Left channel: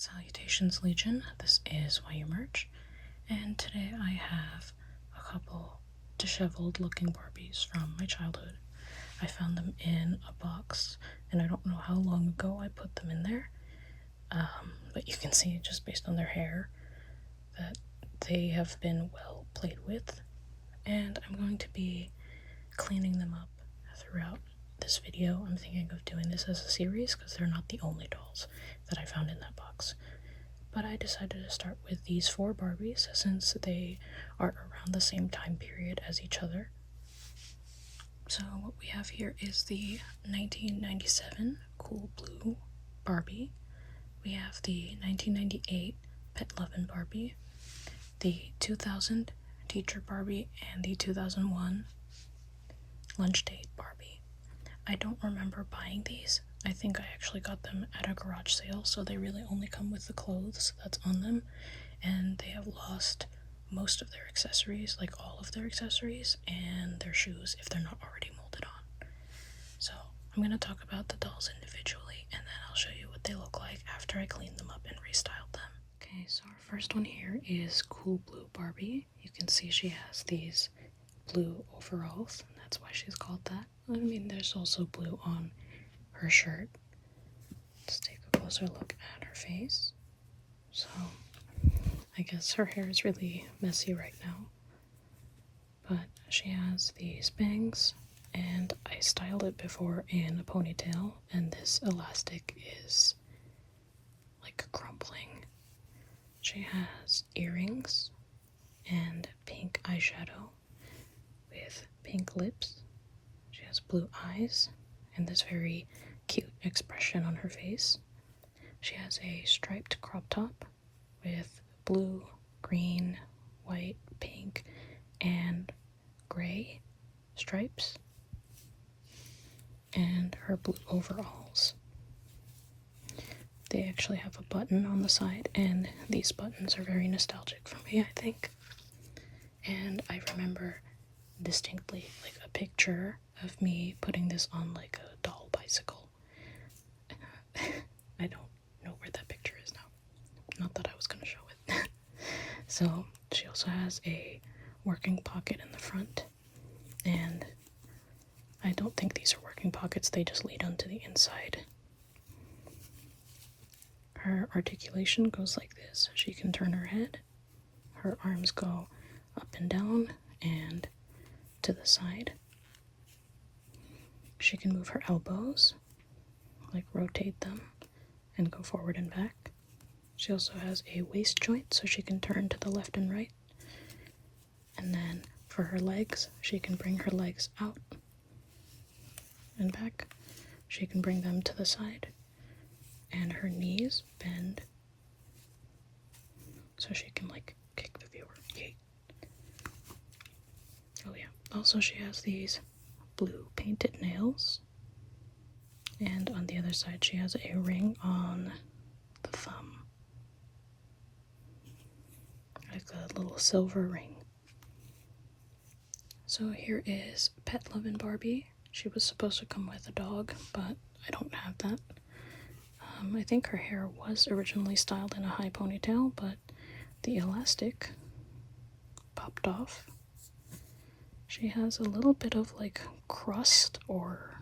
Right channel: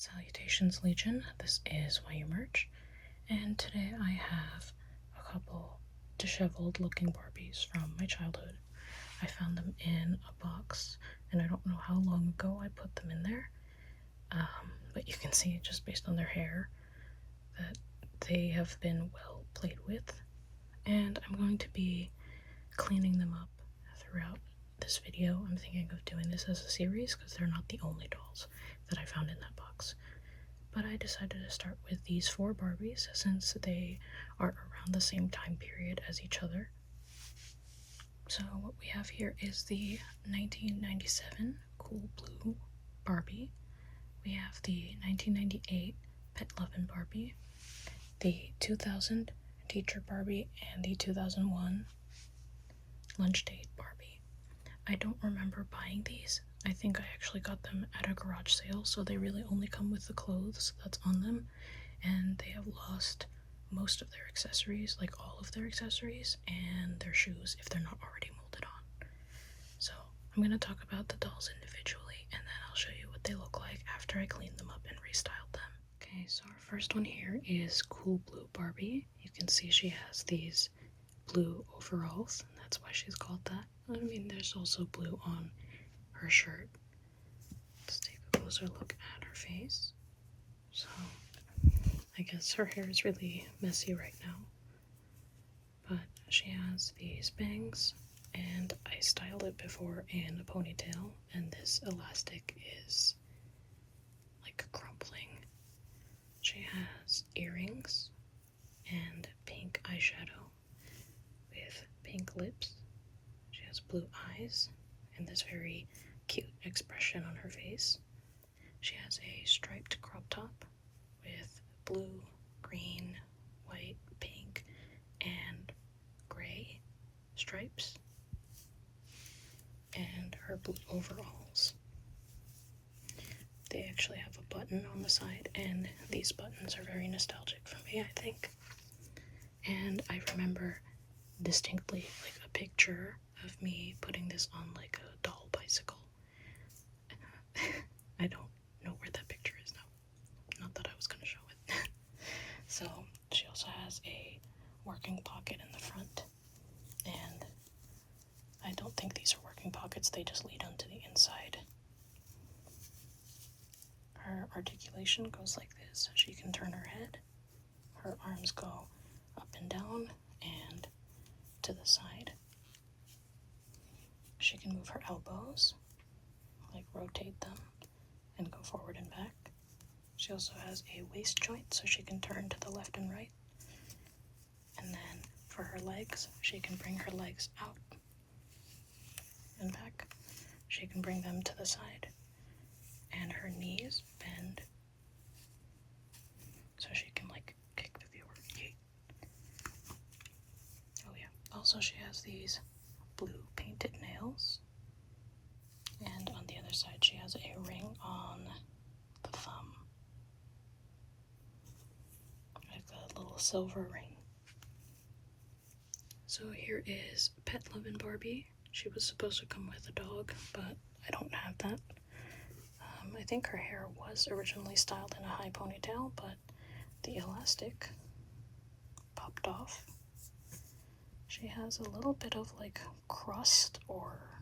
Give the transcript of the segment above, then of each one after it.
Salutations Legion, this is Why You Merch, and today I have a couple disheveled looking Barbies from my childhood. I found them in a box, and I don't know how long ago I put them in there, but you can see just based on their hair that they have been well played with, and I'm going to be cleaning them up throughout this video. I'm thinking of doing this as a series because they're not the only dolls that I found in that box. But I decided to start with these 4 Barbies since they are around the same time period as each other. So what we have here is the 1997 Cool Blue Barbie. We have the 1998 Pet Lovin Barbie, the 2000 Teacher Barbie, and the 2001 Lunch Date Barbie. I don't remember buying these. I think I actually got them at a garage sale, so they really only come with the clothes that's on them, and they have lost most of their accessories, like all of their accessories, and their shoes if they're not already molded on. So I'm going to talk about the dolls individually, and then I'll show you what they look like after I cleaned them up and restyled them. Okay, so our first one here is Cool Blue Barbie. You can see she has these blue overalls, and that's why she's called that. I mean, there's also blue on her shirt. Let's take a closer look at her face. So, I guess her hair is really messy right now, but she has these bangs, and I styled it before in a ponytail, and this elastic is like crumpling. She has earrings and pink eyeshadow with pink lips. She has blue eyes and this very cute expression on her face. She has a striped crop top with blue, green, white, pink, and gray stripes, and her blue overalls. They actually have a button on the side, and these buttons are very nostalgic for me, I think. And I remember distinctly like a picture of me putting this on like a doll bicycle. I don't know where that picture is now. Not that I was going to show it. So she also has a working pocket in the front, and I don't think these are working pockets, they just lead onto the inside. Her articulation goes like this. She can turn her head, her arms go up and down and to the side. She can move her elbows, like rotate them and go forward and back. She also has a waist joint, so she can turn to the left and right. And then for her legs, she can bring her legs out and back. She can bring them to the side, and her knees bend so she can like kick the viewer. Yay. Oh yeah. Also, she has these blue painted nails, and on the other side she has a ring on the thumb, like a little silver ring. So here is Pet Lovin Barbie. She was supposed to come with a dog, but I don't have that. I think her hair was originally styled in a high ponytail, but the elastic popped off. She has a little bit of like crust, or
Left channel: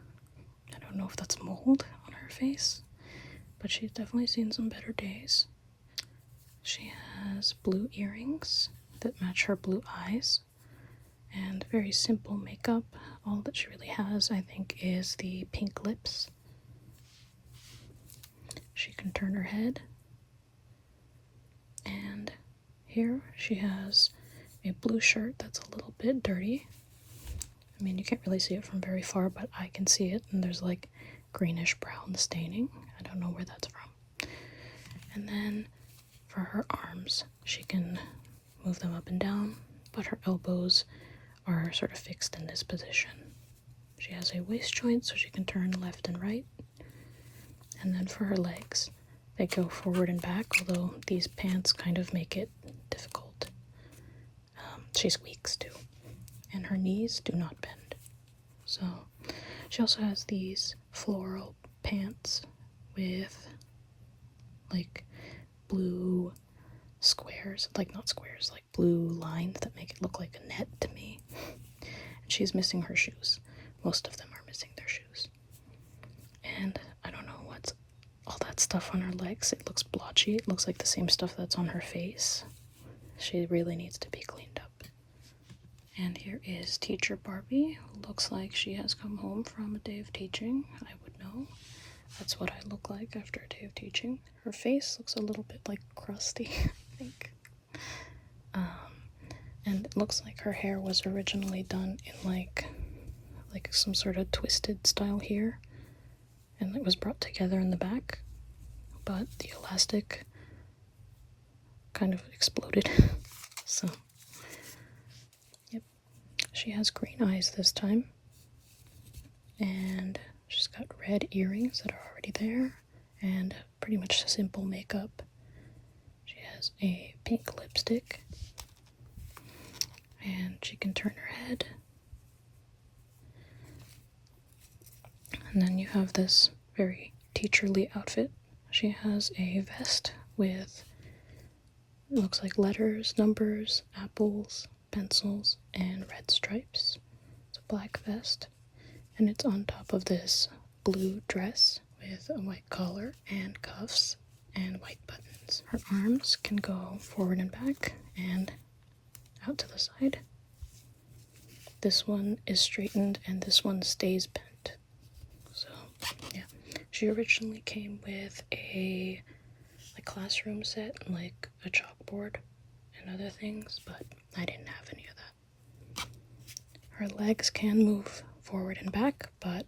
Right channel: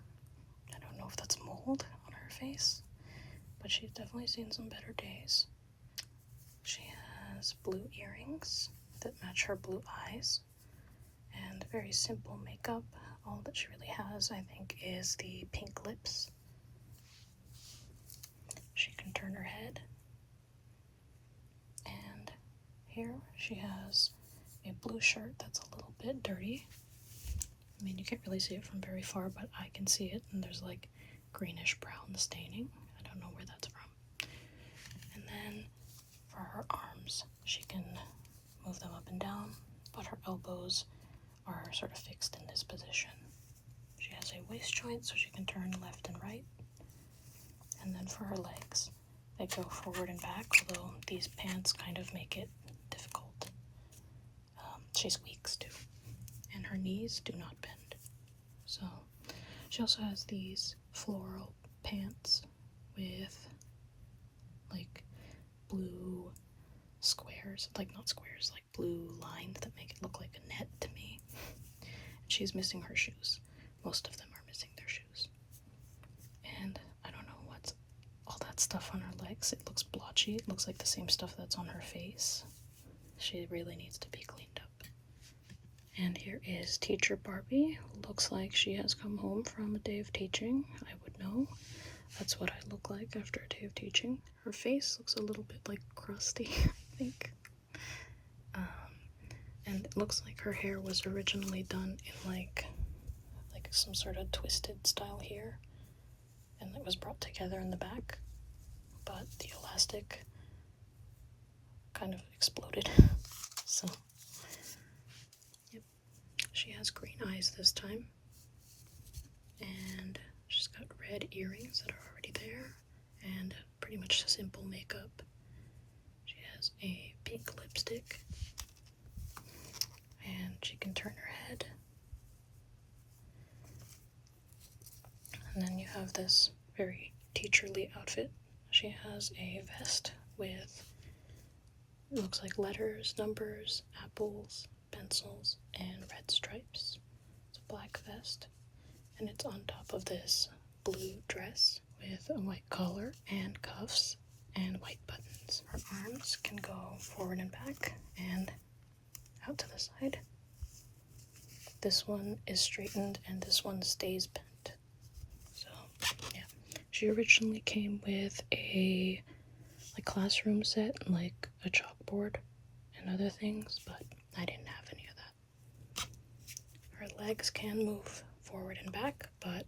I don't know if that's mold on her face, but she's definitely seen some better days. She has blue earrings that match her blue eyes, and very simple makeup. All that she really has, I think, is the pink lips. She can turn her head, and here she has a blue shirt that's a little bit dirty. I mean, you can't really see it from very far, but I can see it, and there's like greenish brown staining. I don't know where that's from. And then for her arms, she can move them up and down, but her elbows are sort of fixed in this position. She has a waist joint, so she can turn left and right. And then for her legs, they go forward and back, although these pants kind of make it difficult. She squeaks too, and her knees do not bend. So she also has these floral pants with like blue squares, like not squares, like blue lines that make it look like a net to me. And she's missing her shoes. Most of them are missing their shoes. And I don't know what's all that stuff on her legs. It looks blotchy. It looks like the same stuff that's on her face. She really needs to be cleaned up. And here is Teacher Barbie, who looks like she has come home from a day of teaching. I would know. That's what I look like after a day of teaching. Her face looks a little bit like crusty, I think. And it looks like her hair was originally done in like some sort of twisted style here. And it was brought together in the back. But the elastic kind of exploded. So, yep. She has green eyes this time. And she's got red earrings that are already there. And pretty much simple makeup. She has a pink lipstick. And she can turn her head. And then you have this very teacherly outfit. She has a vest with, it looks like letters, numbers, apples, pencils, and red stripes. It's a black vest, and it's on top of this blue dress with a white collar and cuffs and white buttons. Her arms can go forward and back and out to the side. This one is straightened and this one stays bent. So, yeah. She originally came with a classroom set, like a chalkboard and other things, but I didn't have any of that. Her legs can move forward and back, but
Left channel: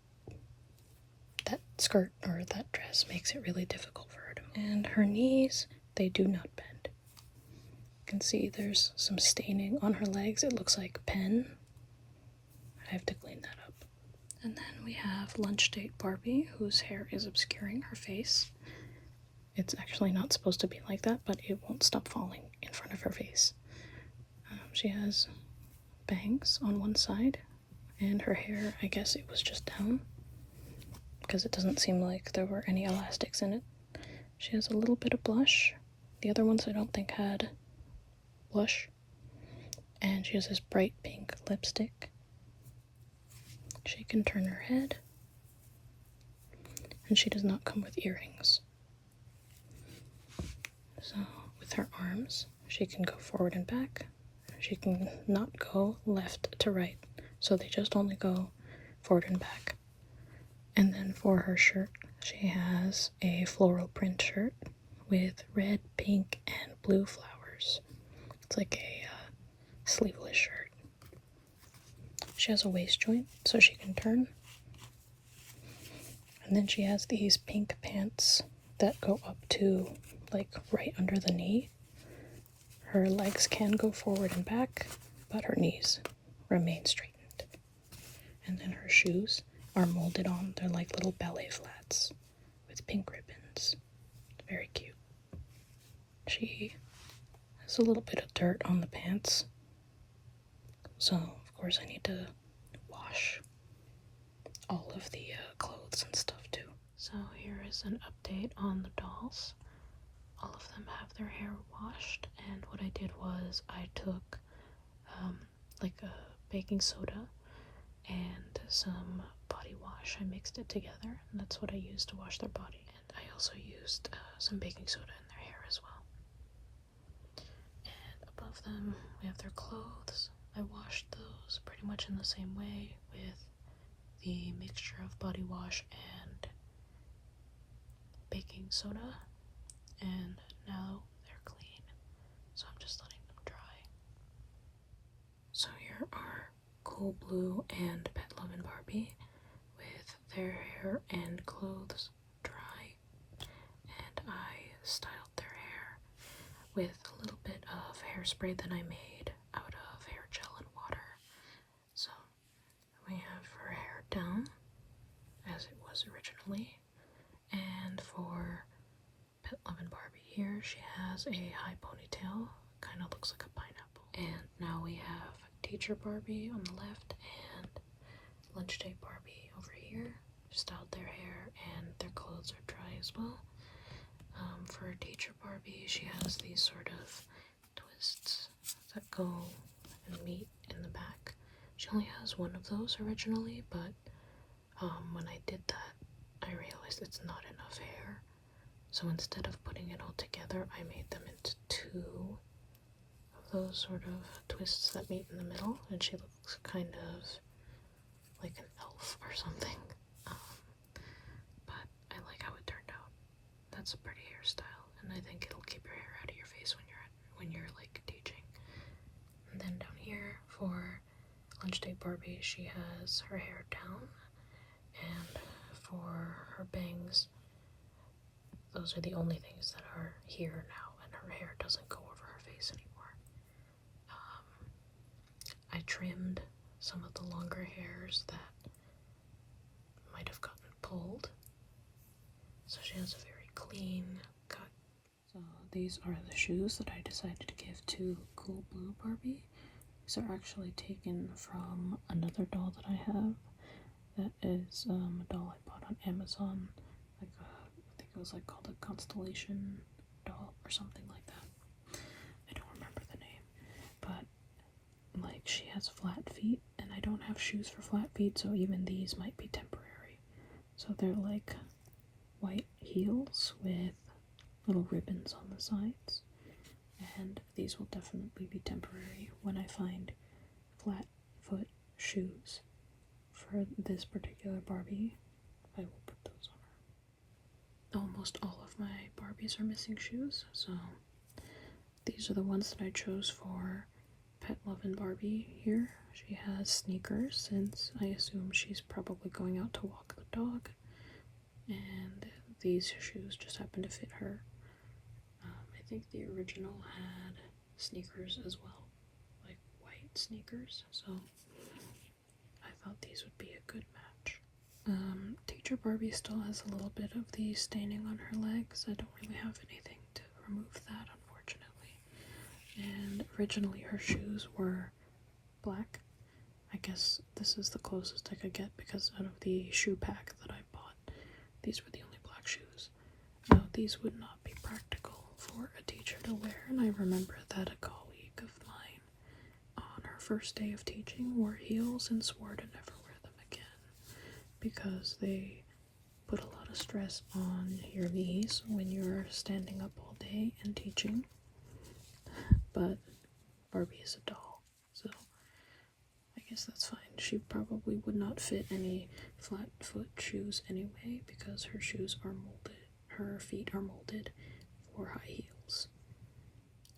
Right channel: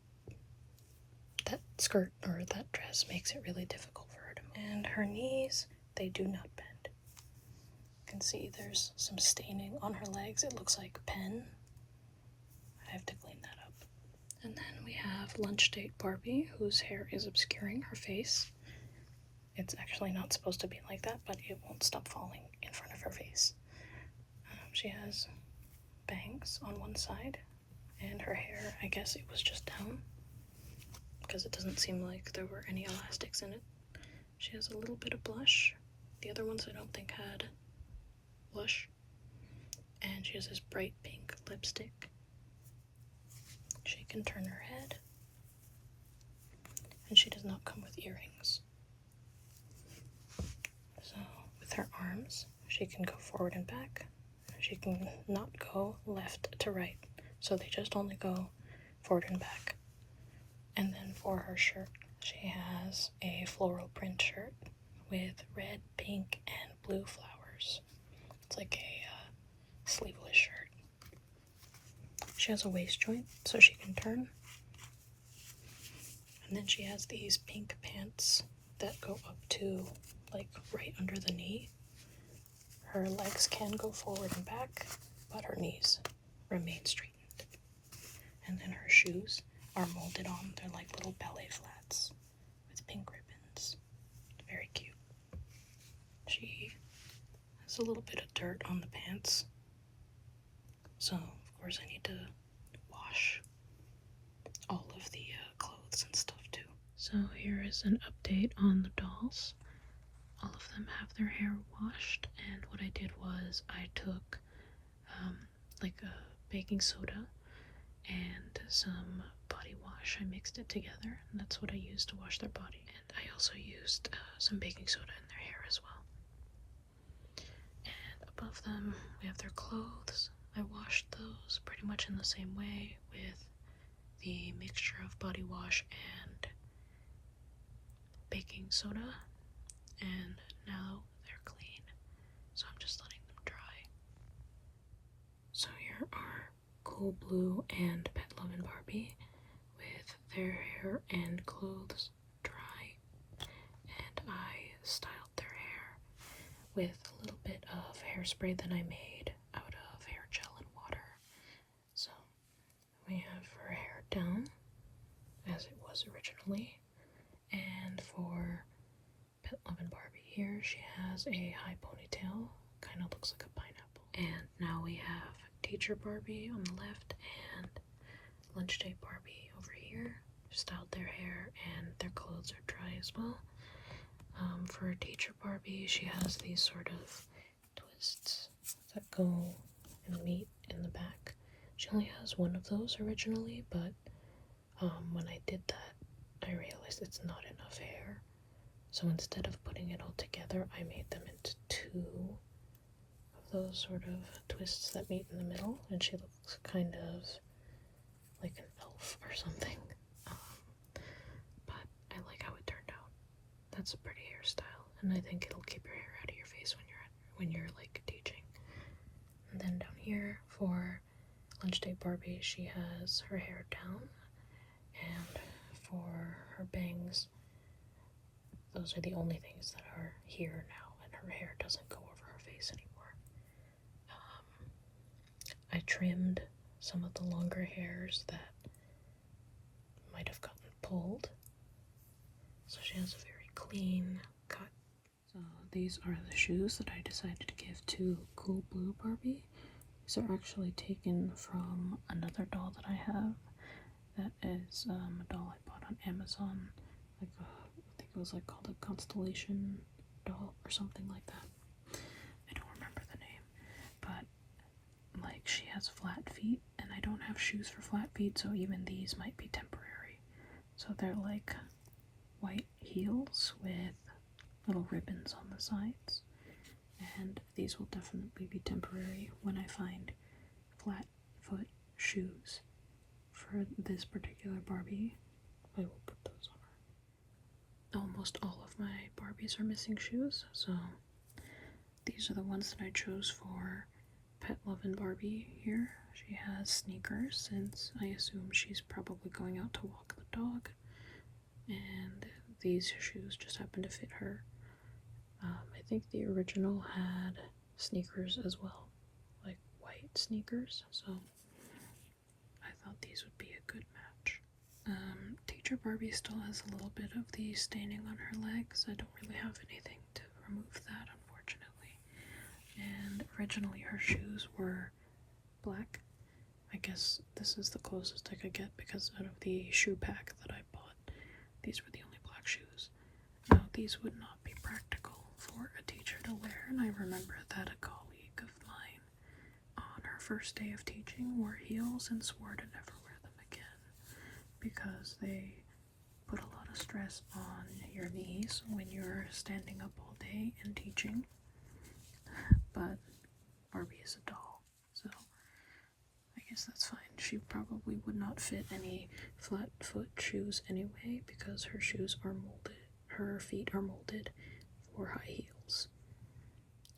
that skirt or that dress makes it really difficult for her to move. And her knees, they do not bend. You can see there's some staining on her legs. It looks like pen. I have to clean that up. And then we have Lunch Date Barbie, whose hair is obscuring her face. It's actually not supposed to be like that, but it won't stop falling in front of her face. She has bangs on one side, and her hair, I guess it was just down, because it doesn't seem like there were any elastics in it. She has a little bit of blush. The other ones I don't think had blush. And she has this bright pink lipstick. She can turn her head, and she does not come with earrings. So with her arms, she can go forward and back. She can not go left to right, so they just only go forward and back. And then for her shirt, she has a floral print shirt with red, pink, and blue flowers. It's like a sleeveless shirt. She has a waist joint, so she can turn. And then she has these pink pants that go up to, like, right under the knee. Her legs can go forward and back, but her knees remain straightened. And then her shoes are molded on. They're like little ballet flats with pink ribbons. Very cute. She has a little bit of dirt on the pants. So, of course, I need to wash all of the clothes and stuff too. So here is an update on the dolls. All of them have their hair washed, and what I did was I took like a baking soda and some body wash. I mixed it together, and that's what I used to wash their body. And I also used some baking soda in their hair as well. And above them, we have their clothes. I washed those pretty much in the same way with the mixture of body wash and baking soda. And now they're clean, so I'm just letting them dry. So here are Cool Blue and Pet Lovin Barbie with their hair and clothes dry, and I styled their hair with a little bit of hairspray that I made out of hair gel and water. So we have her hair down as it was originally, and for Pet Lovin Barbie here, she has a high ponytail, kind of looks like a pineapple. And now we have Teacher Barbie on the left and Lunch Date Barbie over here. Styled their hair and their clothes are dry as well. For Teacher Barbie, she has these sort of twists that go and meet in the back. She only has one of those originally, but when I did that, I realized it's not enough hair. So instead of putting it all together, I made them into two of those sort of twists that meet in the middle, and she looks kind of like an elf or something. But I like how it turned out. That's a pretty hairstyle, and I think it'll keep your hair out of your face when you're like teaching. And then down here for Lunch Date Barbie, she has her hair down, and for her bangs, those are the only things that are here now, and her hair doesn't go over her face anymore. I trimmed some of the longer hairs that might have gotten pulled, so she has a very clean cut. So these are the shoes that I decided to give to Cool Blue Barbie. These are actually taken from another doll that I have. That is a doll I bought on Amazon. I think it was like called a Constellation doll or something like that. I don't remember the name, but like she has flat feet, and I don't have shoes for flat feet, so even these might be temporary. So they're like white heels with little ribbons on the sides, and these will definitely be temporary. When I find flat foot shoes for this particular Barbie, I will put those on her. Almost all of my Barbies are missing shoes, so these are the ones that I chose for Pet Lovin Barbie here. She has sneakers, since I assume she's probably going out to walk the dog, and these shoes just happen to fit her. I think the original had sneakers as well, like white sneakers, so I thought these would be a good match. Teacher Barbie still has a little bit of the staining on her legs. I don't really have anything to remove that, unfortunately. And originally her shoes were black. I guess this is the closest I could get because out of the shoe pack that I bought, these were the only black shoes. Now, these would not be practical for a teacher to wear, and I remember that a colleague of mine on her first day of teaching wore heels and swore to never wear them again because they put a lot of stress on your knees when you're standing up all day and teaching. But Barbie is a doll, so I guess that's fine. She probably would not fit any flat foot shoes anyway because her shoes are molded. Her feet are molded for high heels.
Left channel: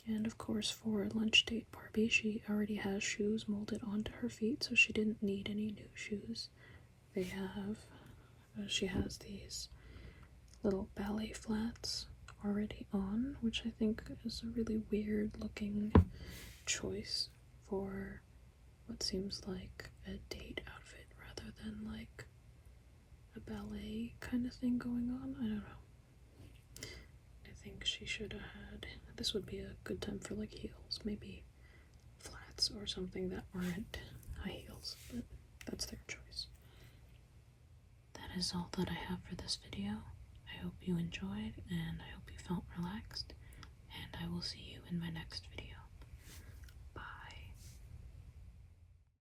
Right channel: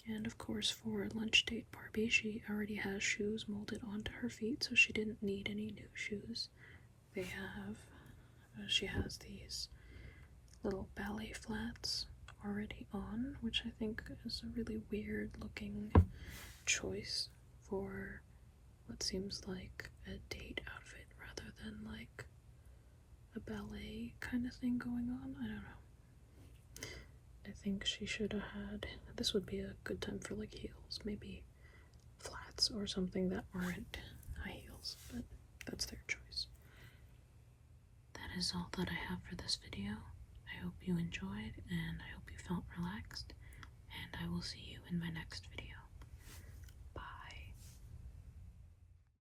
And of course for Lunch Date Barbie, she already has shoes molded onto her feet, so she didn't need any new shoes. She has these little ballet flats already on, which I think is a really weird looking choice for what seems like a date outfit rather than like a ballet kind of thing going on. I don't know. I think she should have had, this would be a good time for like heels, maybe flats or something that aren't high heels, but that's their choice. That is all that I have for this video. I hope you enjoyed, and I hope you felt relaxed, and I will see you in my next video.